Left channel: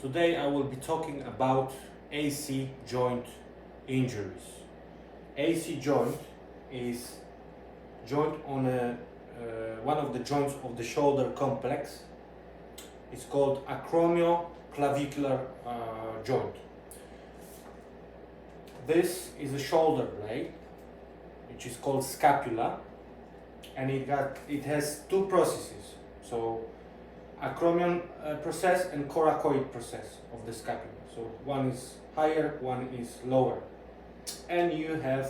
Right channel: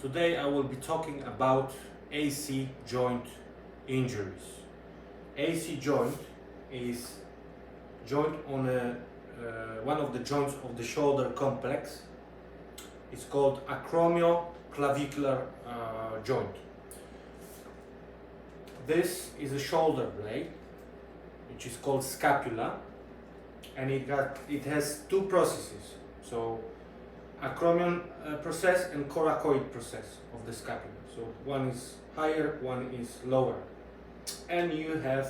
Today I will be talking about AC joint injuries. AC joint is joint on one of the joints of the shoulder complex. It's called Acromio clavicular joint. This is a shoulder blade, which is called scapula, and it has two processes. So acromion process and coracoid process of the scapula. So one is higher, one is lower. And you have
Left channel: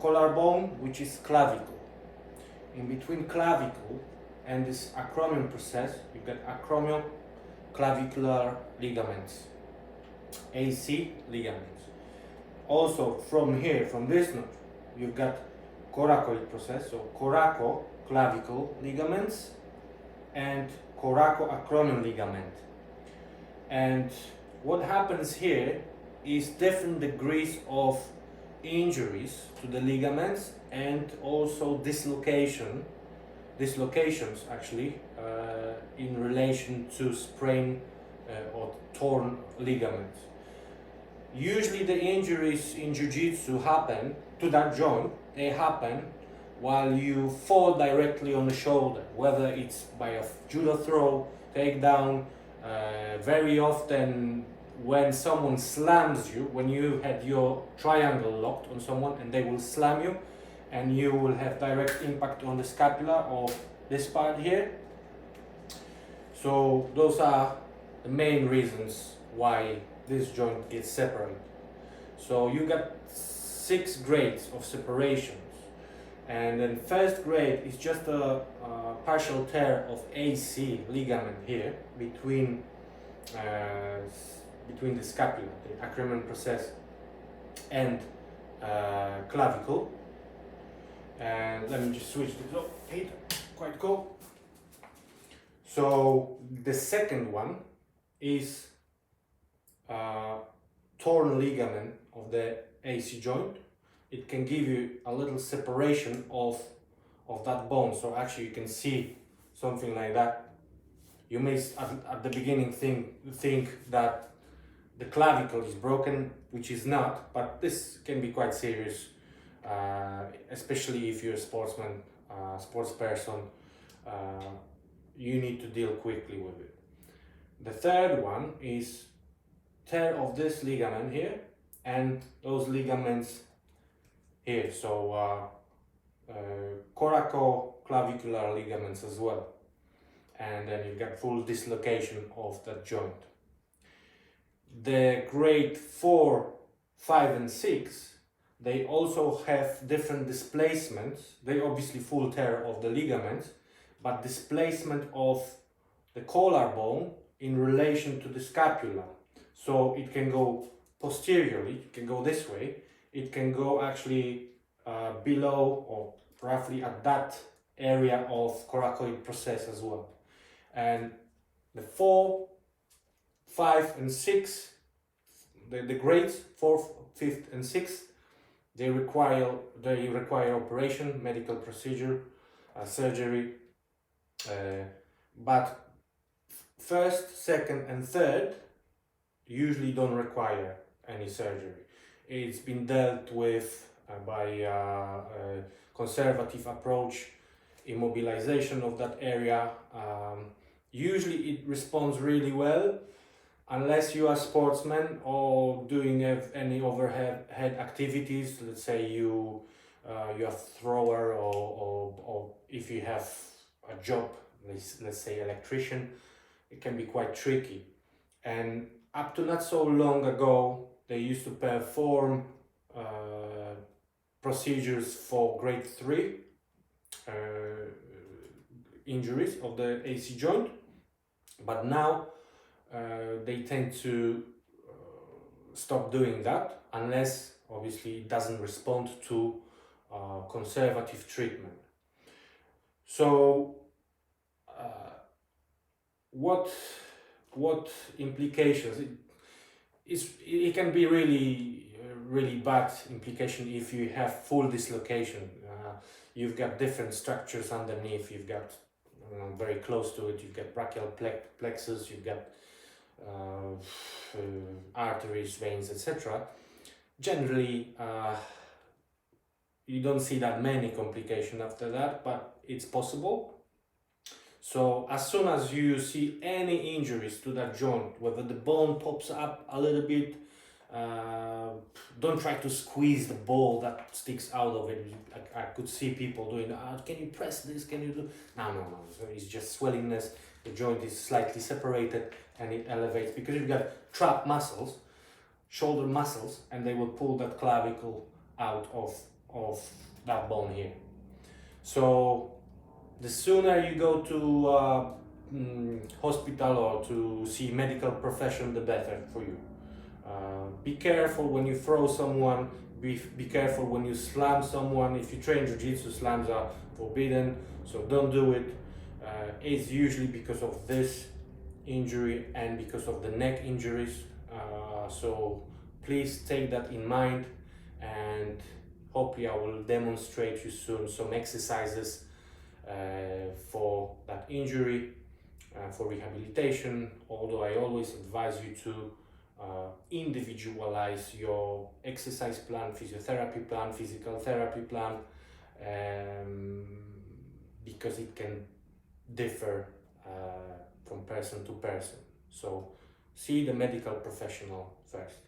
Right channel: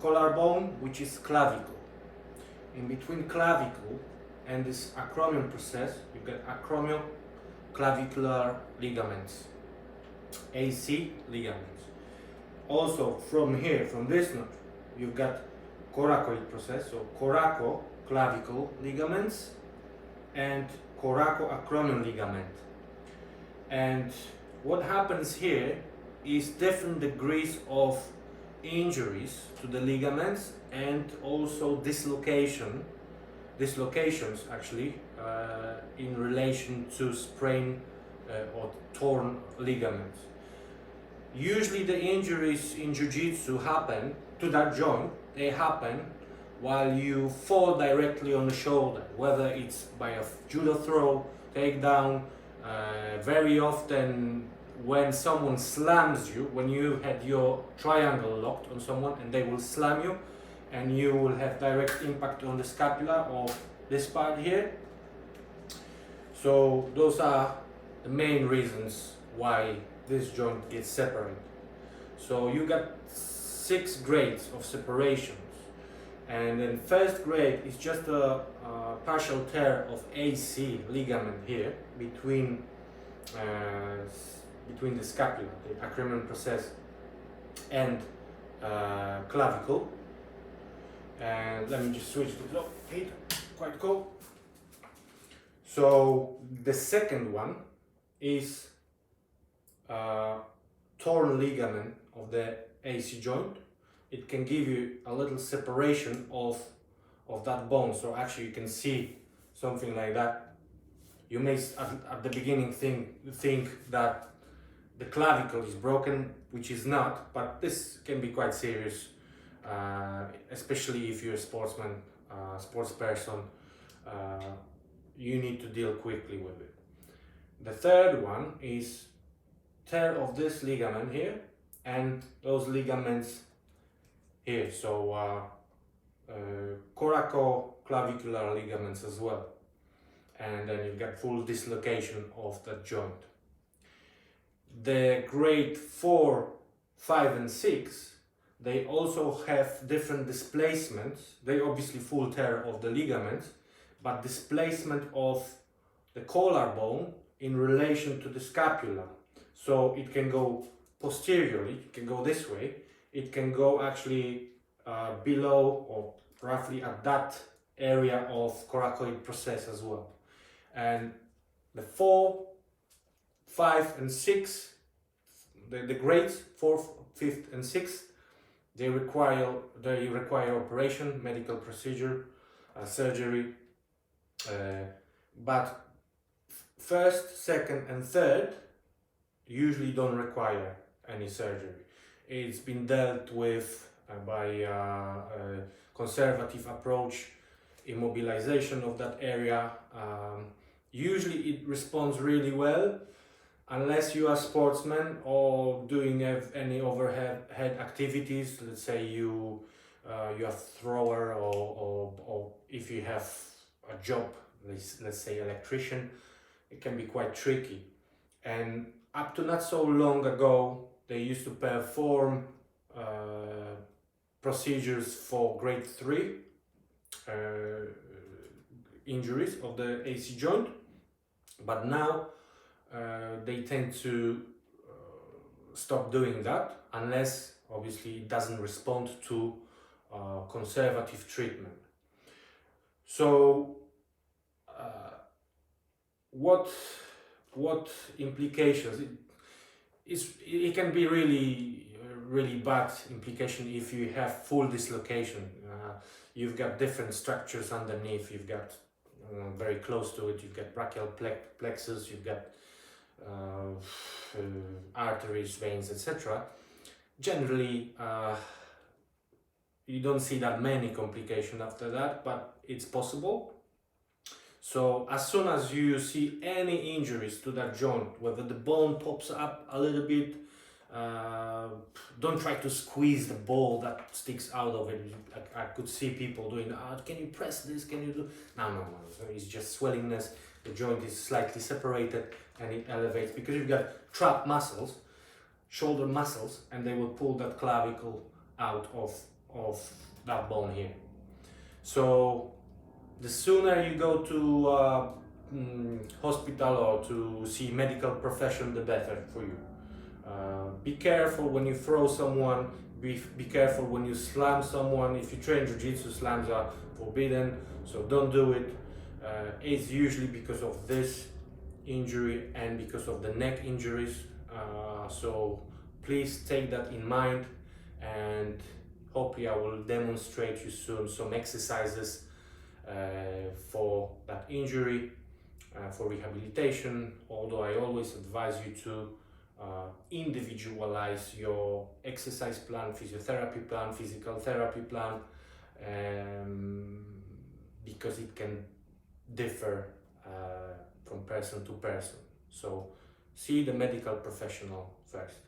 collarbone, which is clavicle. In between clavicle and this acromion process, you get acromio clavicular ligaments, AC ligaments. Also from here, from this node, you've got coracoid process, so coraco clavicle ligaments and coraco-acromion ligament. And what happens here is different degrees of injuries to the ligaments and also dislocations actually in relation to sprain or torn ligaments. Usually the injuries in jiu-jitsu happen to that joint, they happen while you fall directly on the shoulder, whether it's by a judo throw, takedown, very often when someone slams you, when you had your triangle locked on someone and they will slam you and you will have direct impact on the scapula or this part here. So those are the main reasons why this joint gets separated. So you got 6 grades of separations. And then first grade is just a partial tear of AC ligament here between the scapula, the acromion process, and clavicle. And let me just switch this up. Quite cool. So the second one is torn ligament of the AC joint. It can give you a little separation of that bone. So actually you can see something like that. You may at the beginning think that the clavicle is broken, which is not, but this can be quite serious, especially if you're a sportsman, sports person. You need to deal quickly with it. The third one is tear of this ligament here and those ligaments here, so coraco-clavicular ligaments as well, and then you get full dislocation of that joint. The grade 4, 5 and 6, they also have different displacements. They obviously full tear of the ligaments, but displacement of the collarbone in relation to the scapula. So it can go posteriorly, it can go this way, it can go actually below or roughly at that area of coracoid process as well. And the 4, 5 and 6, the grades 4th, 5th and 6th, they require operation, medical procedure, surgery, but 1st, 2nd and 3rd usually don't require any surgery. It's been dealt with by a conservative approach, immobilization of that area. Usually it responds really well, unless you are a sportsman or doing any overhead activities. Let's say you're a thrower or if you have a job, let's say electrician, it can be quite tricky. And up to not so long ago, they used to perform procedures for grade 3 injuries of the AC joint, but now they tend to stop doing that unless obviously it doesn't respond to conservative treatment. So what implications? It can be really bad implication if you have full dislocation. You've got different structures underneath. You've got very close to it. You've got brachial plexus. You've got arteries, veins, etc. Generally, you don't see that many complications after that, but it's possible. So as soon as you see any injuries to that joint, whether the bone pops up a little bit, don't try to squeeze the ball that sticks out of it. I could see people doing, can you press this, can you do? No. So it's just swellingness. The joint is slightly separated and it elevates because you've got trapped muscles, shoulder muscles, and they will pull that clavicle out of that bone here. So the sooner you go to hospital or to see medical profession, the better for you. Be careful when you throw someone, be careful when you slam someone. If you train jiu-jitsu, slams are forbidden, so don't do it. It's usually because of this injury and because of the neck injuries, so please take that in mind, and hopefully I will demonstrate you soon some exercises for that injury, for rehabilitation, although I always advise you to individualize your exercise plan, physiotherapy plan, physical therapy plan, because it can differ from person to person. So see the medical professional first.